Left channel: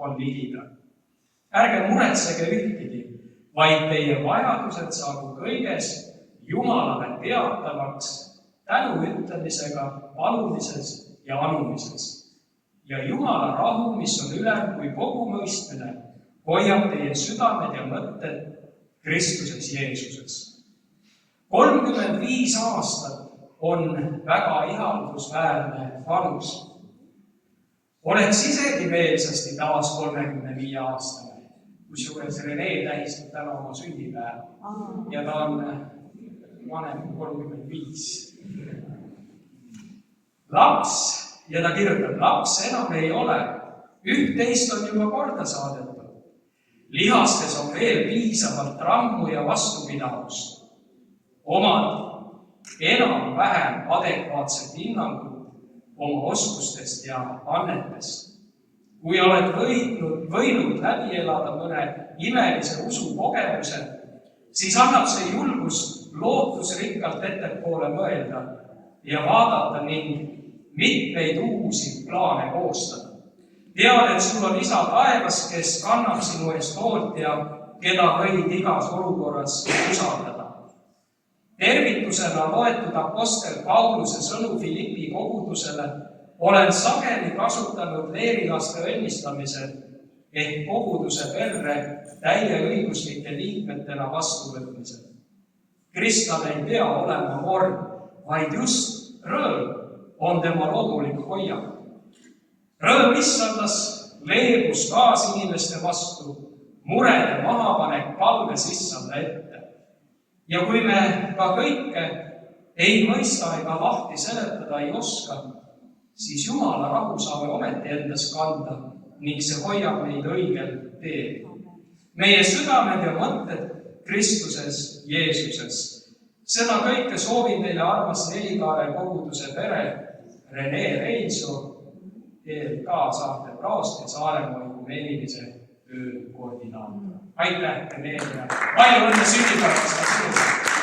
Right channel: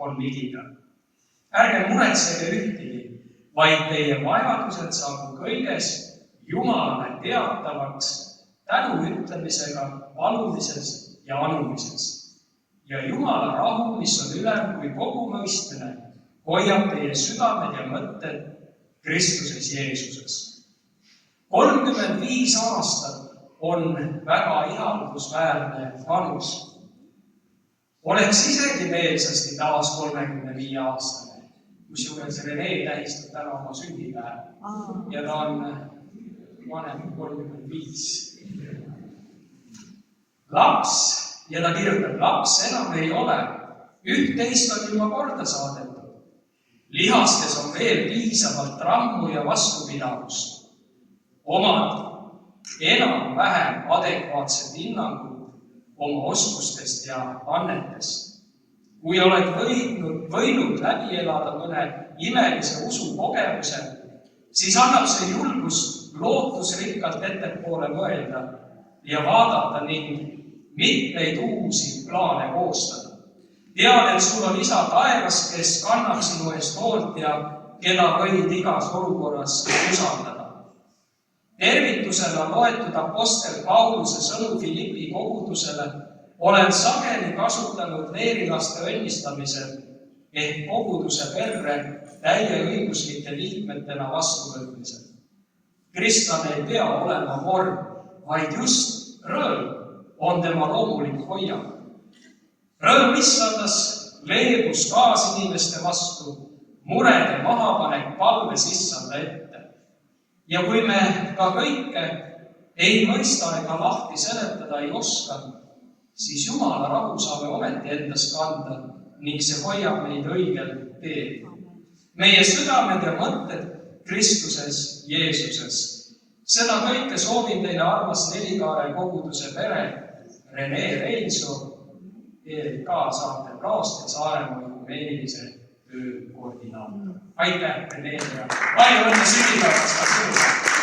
on ligida. Ärge muretsege ühtegi, vaid teie vajadused saagu kõiges Jumalale teatavaks tänu ütlemisega, palumises ja anumises. Ja Jumala rahu, mis on ülem kui kogu mõistmine, hoiab teie südamed ja mõtted Kristuses Jeesuses. 35 aastat on väga ihaldusväärne vanus. Oleks isegi meelsasti taas 35-aastane, kusjuures Rene tähistab täna oma sünnipäeva ja ta on vanem 35. Laps, ja ta kirjutab, laps enam ei ole, üht-teist on juba korda saadetud. Lihastes on veel piisavalt rammu ja vastupidavust. Omad enam-vähem adekvaatsed hinnangud oma oskustest ja annetest. Kui oled võinud läbi elada mõne imelise usukogemuse, siis annab see julgust lootusrikkalt ettepoole mõelda ja vaadata ning mitmeid uusi plaane koostada. Tead, et sul on isa taevas, kes kannab sinu eest hoolt ja keda võid igas olukorras usaldada. Tervitusena loetud apostel Pauluse sõnu Philippi kogudusele olen sageli kasutanud leerilaste õnnistamisel ehk koguduse perre täieõiguslike liikmetena vastuvõtmisel. Kristlane ei pea olema vorm, vaid just rõõm on tema loomulik hoiak. Rõõm issandas, leebus kaasinimeste vastu, murede mahapanek palves issanda ette. Ja kui me ka kõike ei mõista ega lahti seletada ei oska, siis Jumala rahu saame ometi endas kanda ning see hoiab meid õigel teel. Meie südamed ja mõtted Kristuses Jeesuses. Seda kõike soovin teile armas Nelikaare koguduse pere, Rene Reinso, ELK saate praost ja Saaremaa ökumeenilise töö koordinaator. Aitäh, Rene, ja palju õnne sünnipäevast!